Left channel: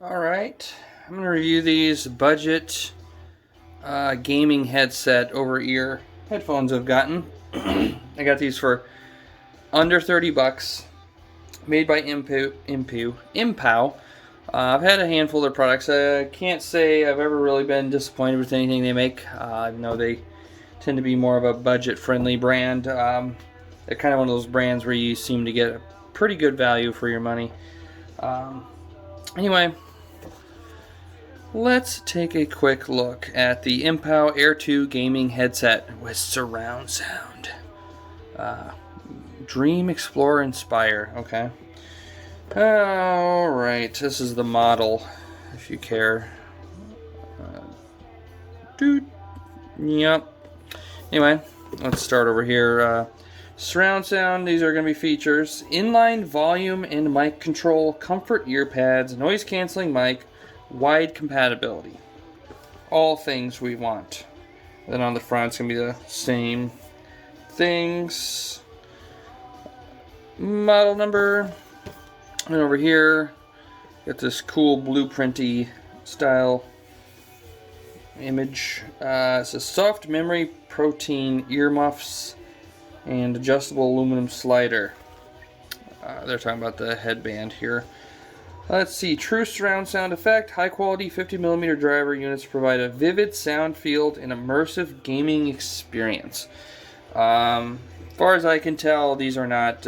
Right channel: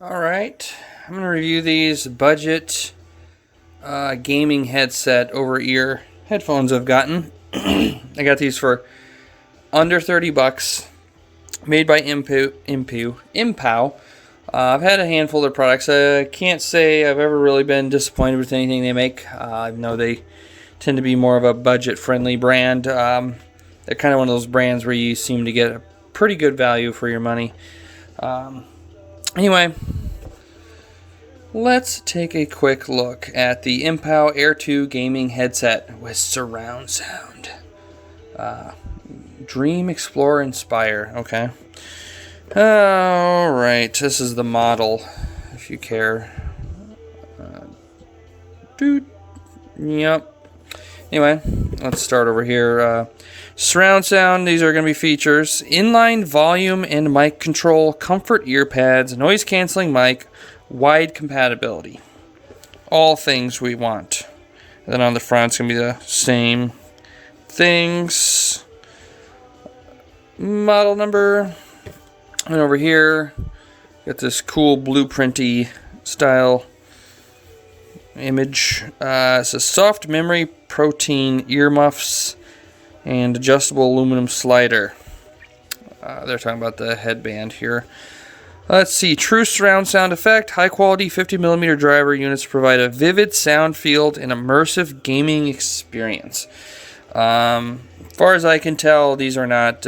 Alright, I'm going to review these budget gaming headset over-ear headphones I've gotten. I got these for under 30 bucks, made by Mpow. I've had a handful of their products. I can't say I've ever really been disappointed with anything they make. I know they tend to be more of a budget-friendly brand. They're kind of one of those brands where you seem to get a pretty good value for your money. Anyway, let's take a quick look at the Mpow Air 2 gaming headset with surround sound. Dream, Explore, Inspire. Okay. Alright, this is the model, if you care. Yep. Anyway, let's start over here. Surround sound, these are going to be features. Inline volume and mic control, comfort ear pads, noise canceling mic, wide compatibility. All things we want. And then on the front, it's going to be the same things. Model number. And over here, got this cool blueprinty style image. It's a soft memory protein earmuffs and adjustable aluminum slider. They're talking about the headband here. Let's see. True surround sound effect. High quality 50mm driver units provide a vivid sound field and immersive gaming experience. As far as I can tell, these are not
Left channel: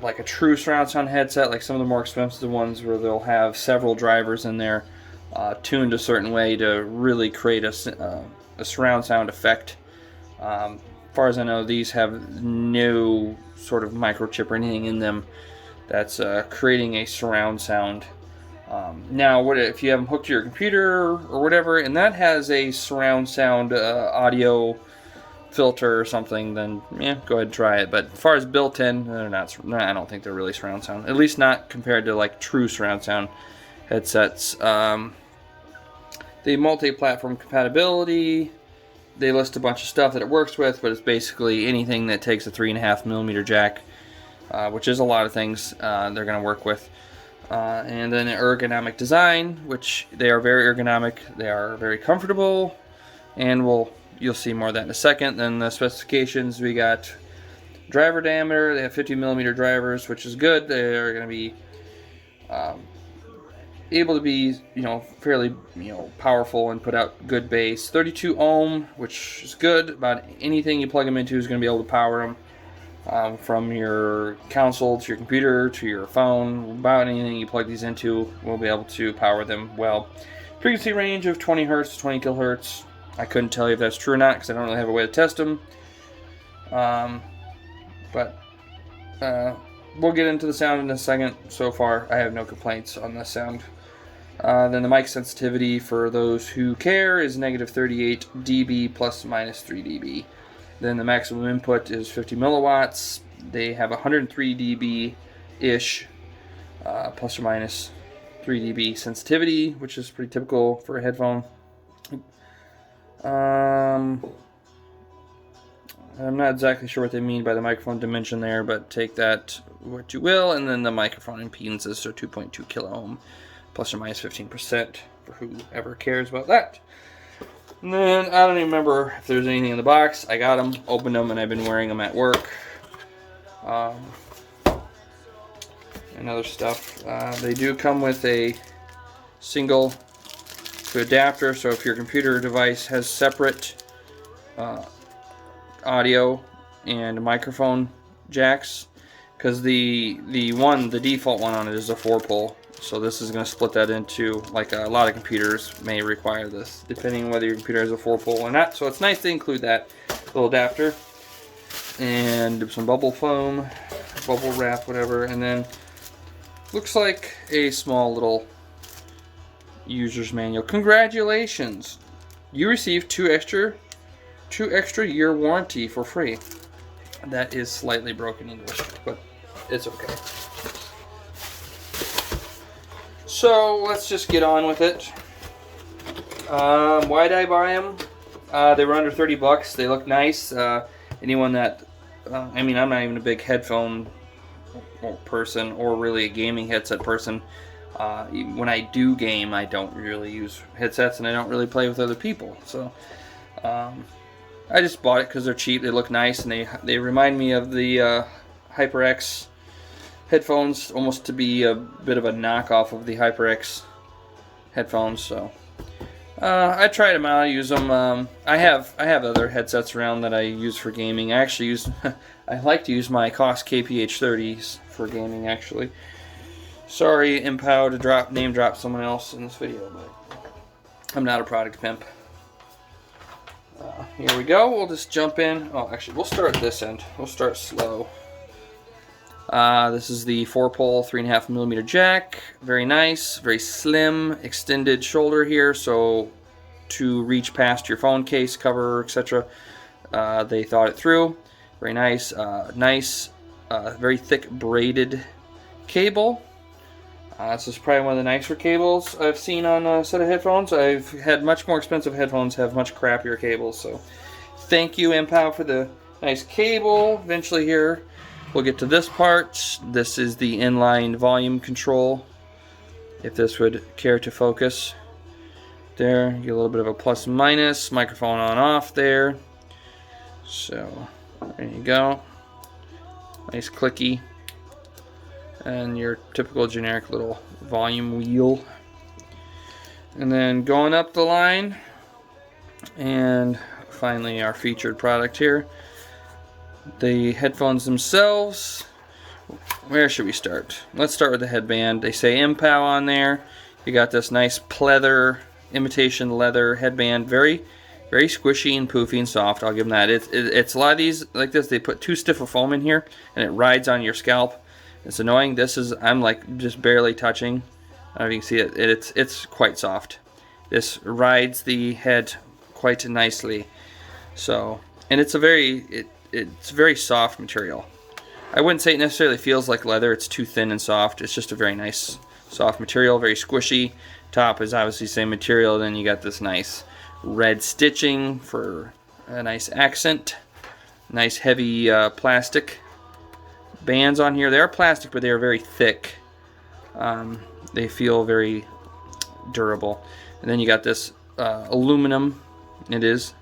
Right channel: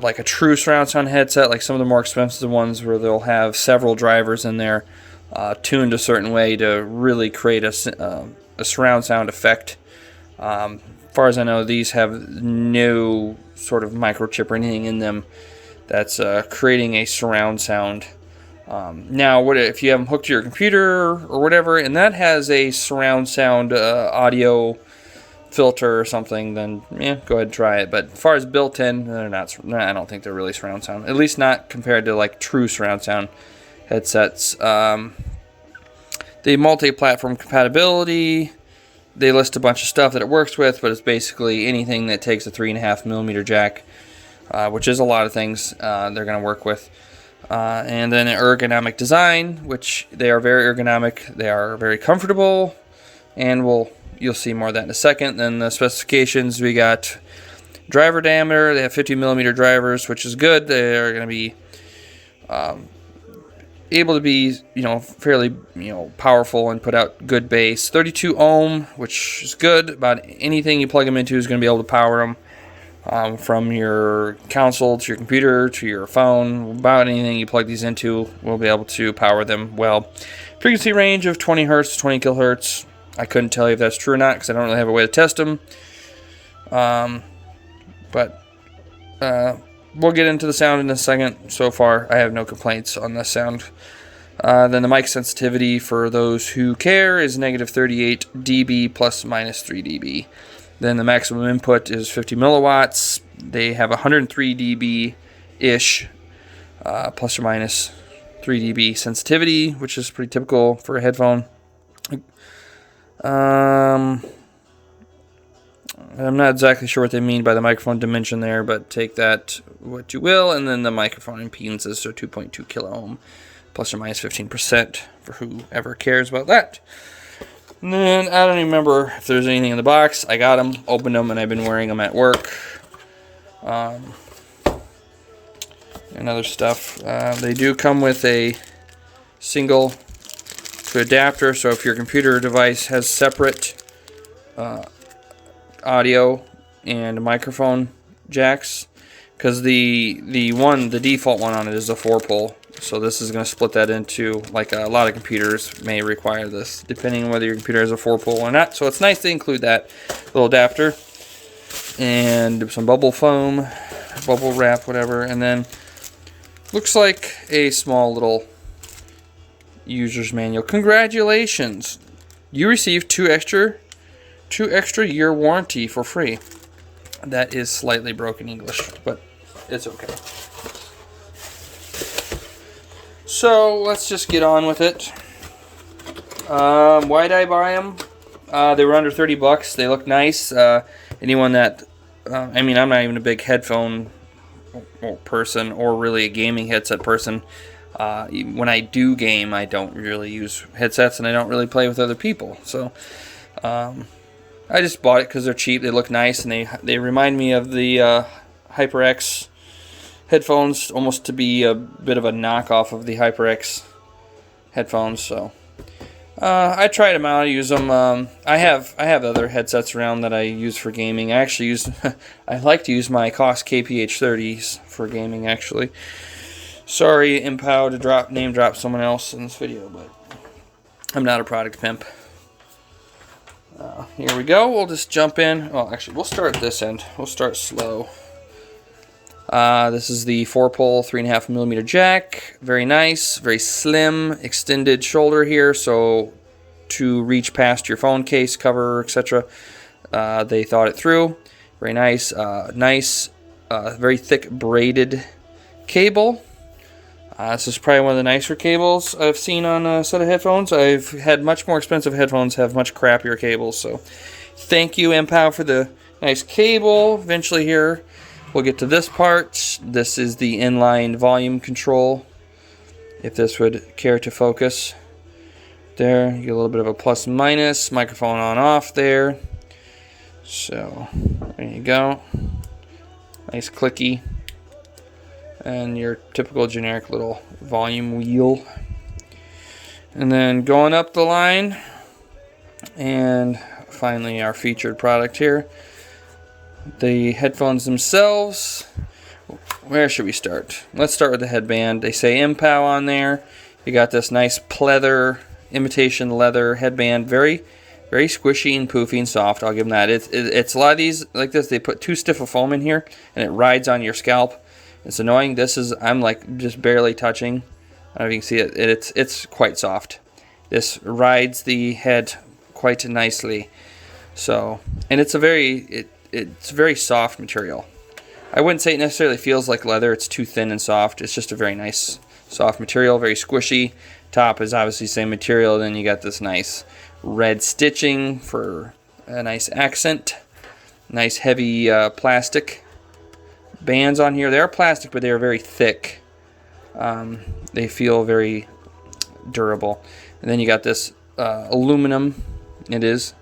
like a true surround sound headset, like some of the more expensive ones where they'll have several drivers in there tuned a certain way to really create a surround sound effect. As far as I know, these have no sort of microchip or anything in them that's creating a surround sound. Now, what if you have them hooked to your computer or whatever, and that has a surround sound audio filter or something, then yeah, go ahead and try it. But as far as built-in, they're not. I don't think they're really surround sound. At least not compared to like true surround sound headsets. The multi-platform compatibility. They list a bunch of stuff that it works with, but it's basically anything that takes a 3.5mm jack, which is a lot of things they're going to work with. And then ergonomic design, which they are very ergonomic. They are very comfortable, and you'll see more of that in a second. Then the specifications, we got driver diameter. They have 50mm drivers, which is good. They are going to be able to be, fairly, powerful and put out good bass. 32 ohm, which is good. About anything you plug them into is going to be able to power them. From your console to your computer to your phone, about anything you plug these into will be able to power them well. Frequency range of 20 hertz to 20 kilohertz. I couldn't tell you if that's true or not because I don't really have a way to test them. But we'll get into the sound in a second. So far, I have no complaints on the sound. Then the mic sensitivity, for those who care, is negative 38 dB plus minus 3 dB. Then the maximum input is 50 milliwatts. They have 103 dB-ish, plus or minus 3 dB sensitivity, which is pretty typical for a headphone. I'm not exactly sure what they mean by the microphone dimension there, but take that what you will. And then the microphone impedances are 2.2 kilo ohm, plus or minus 15%, for whoever cares about that. And then I don't even remember if there's anything in the box. I got them, opened them, and I've been wearing them at work. And other stuff. They do come with a single adapter, so if your computer device has separate audio and microphone jacks, because the default one on it is a 4-pole. So this is going to split that into, like a lot of computers may require this, depending on whether your computer has a 4-pole or not. So it's nice to include that little adapter. And some bubble foam, bubble wrap, whatever. And then looks like a small little user's manual. Congratulations! You received two extra year warranty for free. That is slightly broken English, but it's okay. So let's just get on with it. Why'd I buy them? They were under 30 bucks. They look nice. Anyone that, I'm not even a big headphone person or really a gaming headset person. When I do game, I don't really use headsets, and I don't really play with other people. So I just bought it because they're cheap, they look nice, and they remind me of the HyperX headphones, almost to be a bit of a knockoff of the HyperX headphones. So I tried them out, I use them. I have other headsets around that I use for gaming. I actually use I like to use my Koss KPH30s for gaming, actually. Sorry, Mpow, to name drop someone else in this video, but I'm not a product pimp. Here we go. We'll just jump in. Oh, actually, we'll start at this end. We'll start slow. This is the 4-pole 3.5mm jack. Very nice, very slim, extended shoulder here, so to reach past your phone case cover, etc. They thought it through. Very nice. Very thick braided cable. This is probably one of the nicer cables I've seen on a set of headphones. I've had much more expensive headphones have much crappier cables, so thank you, Mpow, for the nice cable. Eventually here, we'll get to this part. This is the inline volume control, if this would care to focus. There, you get a little bit of a plus minus, microphone on off there. So, there you go. Nice clicky. And your typical generic little volume wheel. And then going up the line, and finally our featured product here, the headphones themselves. Where should we start? Let's start with the headband. They say Mpow on there. You got this nice pleather, imitation leather headband, very squishy and poofy and soft. I'll give them that. It's a lot of these like this, they put too stiff a foam in here and it rides on your scalp. It's annoying. This is, I'm like just barely touching. I don't know if you can see it. It's quite soft. This rides the head quite nicely. So, and it's a it's very soft material. I wouldn't say it necessarily feels like leather. It's too thin and soft. It's just a very nice soft material, very squishy. Top is obviously same material. Then you got this nice red stitching for a nice accent. Nice heavy plastic bands on here. They are plastic, but they are very thick. They feel very durable. And then you got this aluminum. It is.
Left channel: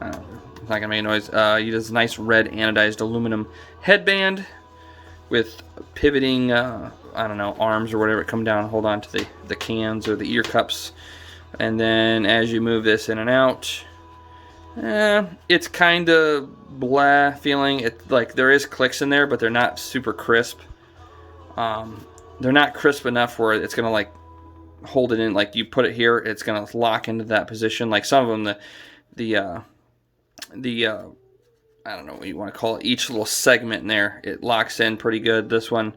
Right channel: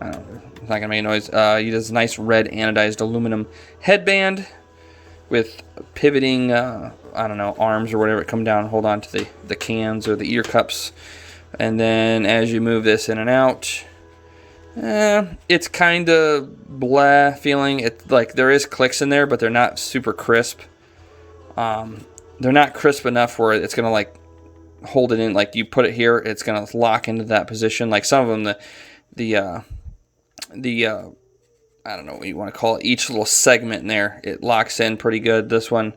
It's not gonna make a noise. You this nice red anodized aluminum headband with pivoting, I don't know, arms or whatever come down and hold on to the cans or the ear cups. And then as you move this in and out, it's kind of blah feeling. It like there is clicks in there, but they're not super crisp. They're not crisp enough where it's gonna like hold it in. Like you put it here, it's gonna lock into that position. Like some of them, the I don't know what you want to call it. Each little segment in there, it locks in pretty good. This one,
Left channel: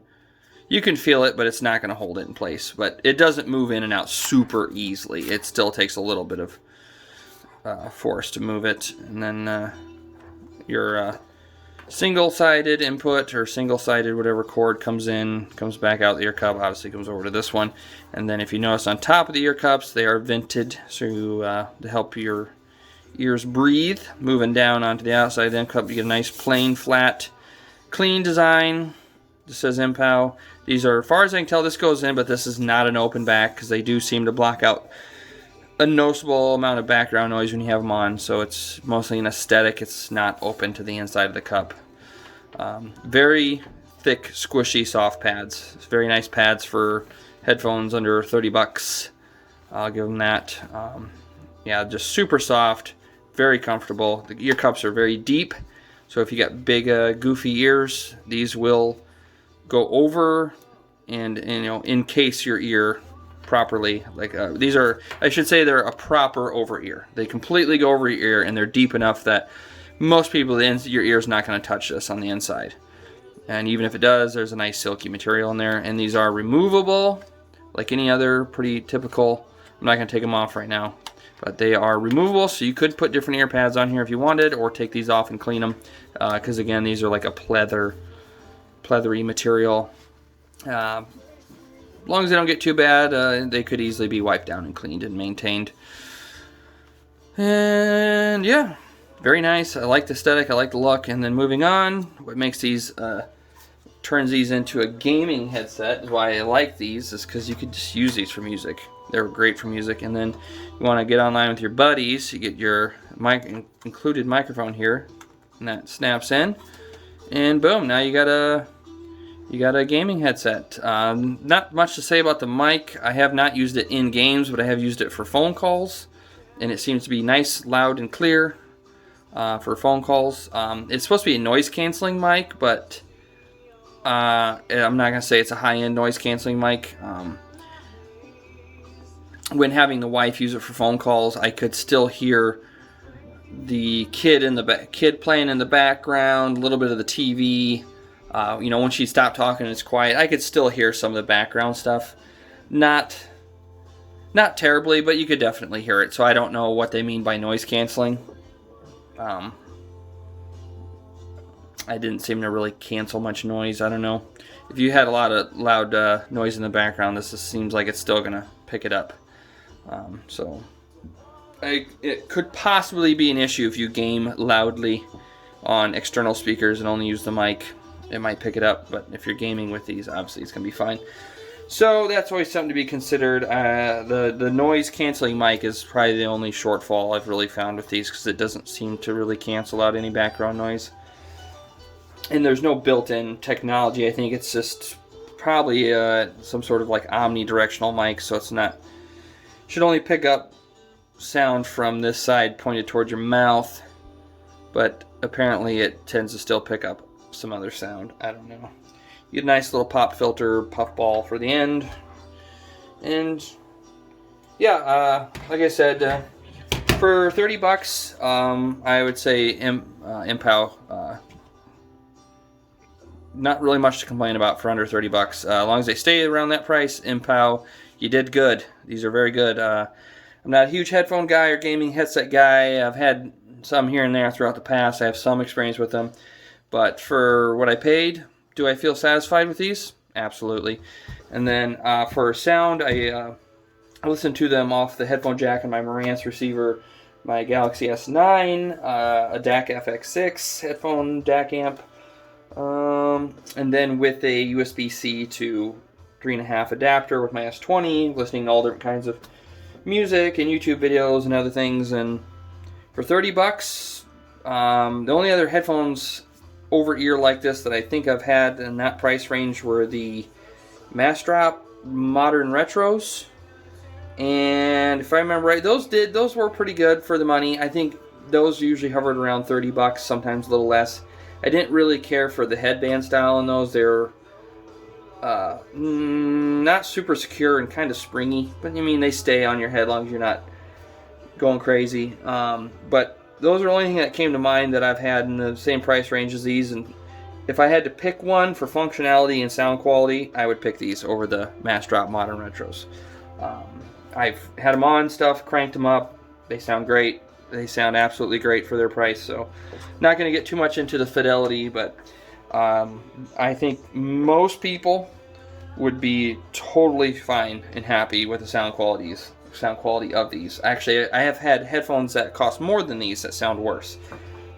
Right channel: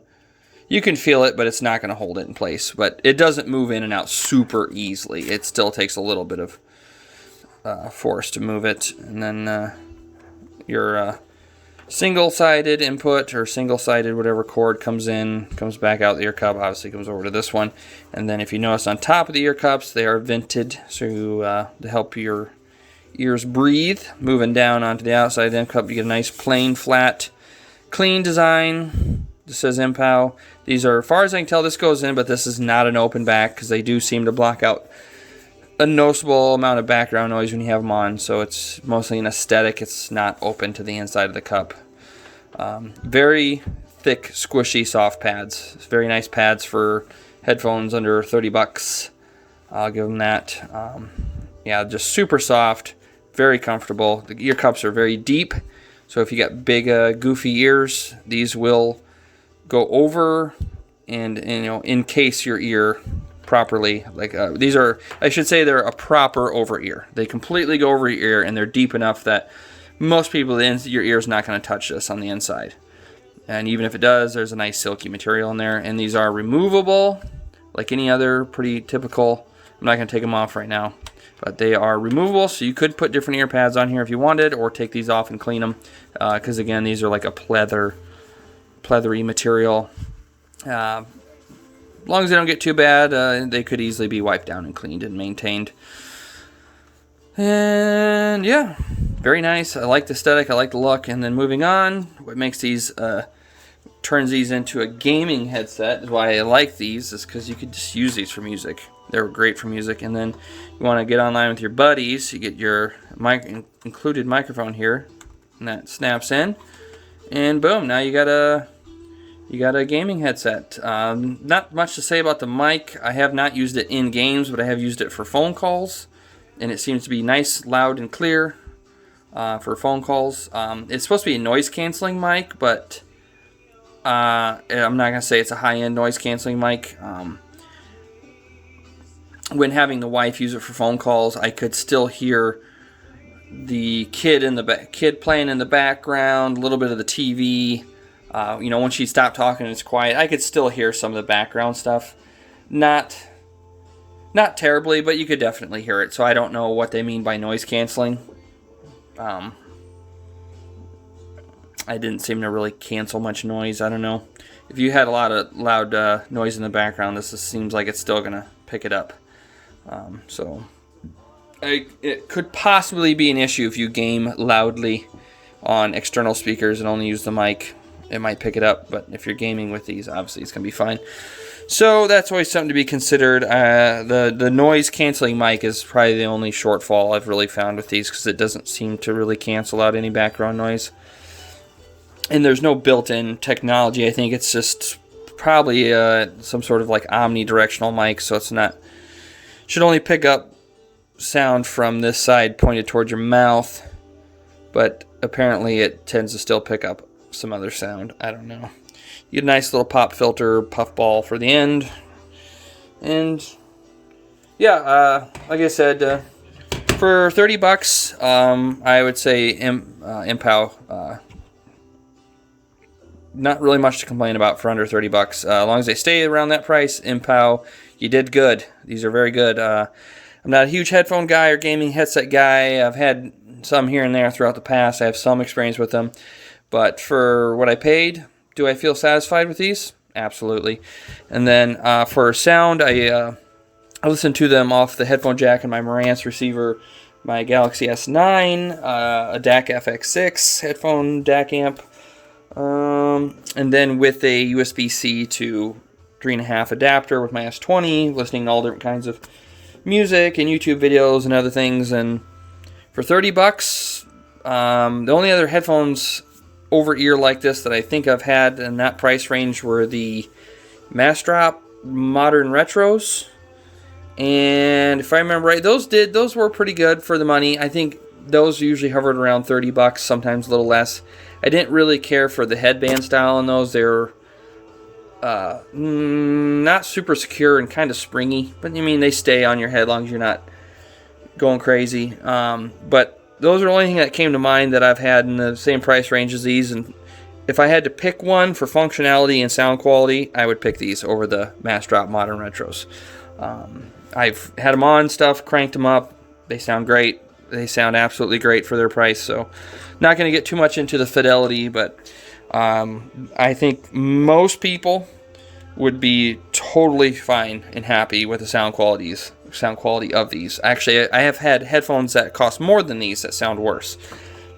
you can feel it, but it's not gonna hold it in place. But it doesn't move in and out super easily. It still takes a little bit of force to move it. And then your single-sided input or single-sided whatever cord comes in, comes back out the ear cup, obviously comes over to this one. And then if you notice on top of the ear cups, they are vented so to help your ears breathe. Moving down onto the outside of the ear cup, you get a nice plain, flat, clean design. This says Mpow. These are, as far as I can tell, this goes in, but this is not an open back because they do seem to block out a noticeable amount of background noise when you have them on, so it's mostly an aesthetic. It's not open to the inside of the cup. Very thick, squishy, soft pads. It's very nice pads for headphones under 30 bucks. I'll give them that. Yeah, just super soft, very comfortable. The ear cups are very deep, so if you got big, goofy ears, these will go over and encase your ear properly. Like these are, I should say, they're a proper over ear. They completely go over your ear, and they're deep enough that most people, your ear is not going to touch this on the inside. And even if it does, there's a nice silky material in there. And these are removable, like any other pretty typical. I'm not going to take them off right now, but they are removable, so you could put different ear pads on here if you wanted, or take these off and clean them. Because again, these are like a pleathery material. As long as they don't get too bad, they could easily be wiped down and cleaned and maintained. And yeah, very nice. I like the aesthetic. I like the look. And then moving on, what makes these turns these into a gaming headset. Is why I like these, is because you could just use these for music. They're great for music. And then you want to get online with your buddies, you get your included microphone here, and that snaps in, and boom, now you got a gaming headset. Not much to say about the mic. I have not used it in games, but I have used it for phone calls, and it seems to be nice, loud, and clear for phone calls. It's supposed to be a noise canceling mic, but I'm not gonna say it's a high-end noise canceling mic. When having the wife use it for phone calls, I could still hear the kid playing in the background, a little bit of the TV. You know, when she stopped talking and it's quiet, I could still hear some of the background stuff. Not terribly, but you could definitely hear it. So I don't know what they mean by noise canceling. I didn't seem to really cancel much noise. I don't know. If you had a lot of loud noise in the background, this just seems like it's still gonna pick it up. It could possibly be an issue if you game loudly on external speakers and only use the mic. It might pick it up, but if you're gaming with these, obviously it's going to be fine. So that's always something to be considered. The noise canceling mic is probably the only shortfall I've really found with these, because it doesn't seem to really cancel out any background noise. And there's no built-in technology. I think it's just probably some sort of like omnidirectional mic, so it's not... should only pick up sound from this side pointed towards your mouth, but apparently it tends to still pick up some other sound. I don't know. You get a nice little pop filter puffball for the end, and yeah, like I said, for $30, I would say Mpow. Not really much to complain about for under $30. As long as they stay around that price, Mpow, you did good. These are very good. I'm not a huge headphone guy or gaming headset guy. I've had some here and there throughout the past. I have some experience with them. But for what I paid, do I feel satisfied with these? Absolutely. And then for sound, I listen to them off the headphone jack and my Marantz receiver, my Galaxy S9, a DAC FX6 headphone DAC amp, and then with a USB-C to 3.5 adapter with my S20, listening to all different kinds of music and YouTube videos and other things. And for $30, the only other headphones over ear like this that I think I've had in that price range were the Massdrop Modern Retros, and if I remember right, those were pretty good for the money. I think those usually hovered around $30, sometimes a little less. I didn't really care for the headband style in those. They're not super secure and kind of springy, but I mean, they stay on your head as long as you're not going crazy. But those are the only thing that came to mind that I've had in the same price range as these. And if I had to pick one for functionality and sound quality, I would pick these over the Massdrop Modern Retros. I've had them on stuff, cranked them up. They sound great. They sound absolutely great for their price. So not going to get too much into the fidelity, but I think most people would be totally fine and happy with the sound quality of these. Actually, I have had headphones that cost more than these that sound worse,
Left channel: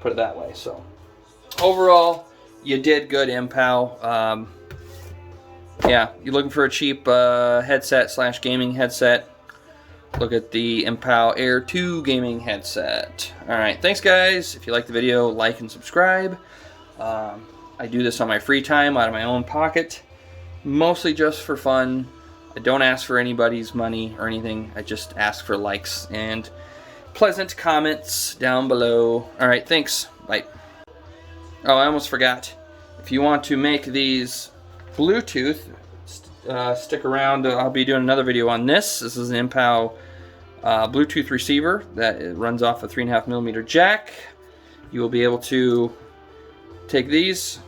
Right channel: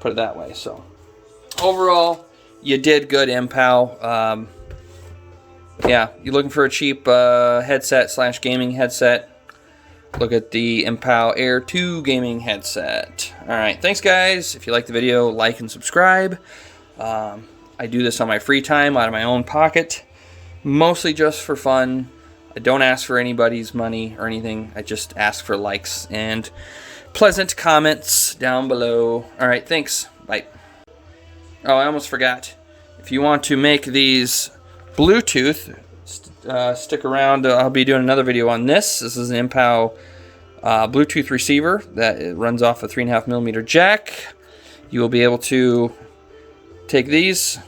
put it that way. So overall, you did good, Mpow. Yeah, you're looking for a cheap headset / gaming headset, look at the Mpow Air 2 gaming headset. Alright, thanks guys. If you like the video, like and subscribe. I do this on my free time out of my own pocket, mostly just for fun. I don't ask for anybody's money or anything. I just ask for likes and pleasant comments down below. Alright, thanks. Bye. Oh, I almost forgot. If you want to make these Bluetooth, stick around. I'll be doing another video on this. This is an Mpow Bluetooth receiver that runs off a 3.5mm jack. You will be able to take these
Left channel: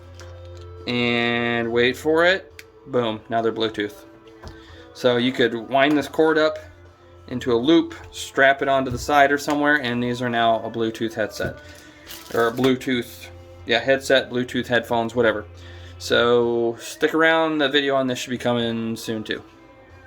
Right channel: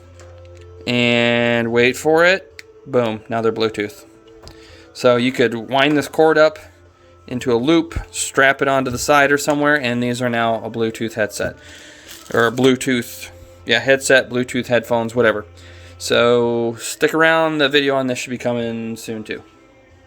and wait for it. Boom, now they're Bluetooth. So you could wind this cord up into a loop, strap it onto the side or somewhere, and these are now a Bluetooth headset. Or a Bluetooth, yeah, headset, Bluetooth headphones, whatever. So stick around, the video on this should be coming soon too.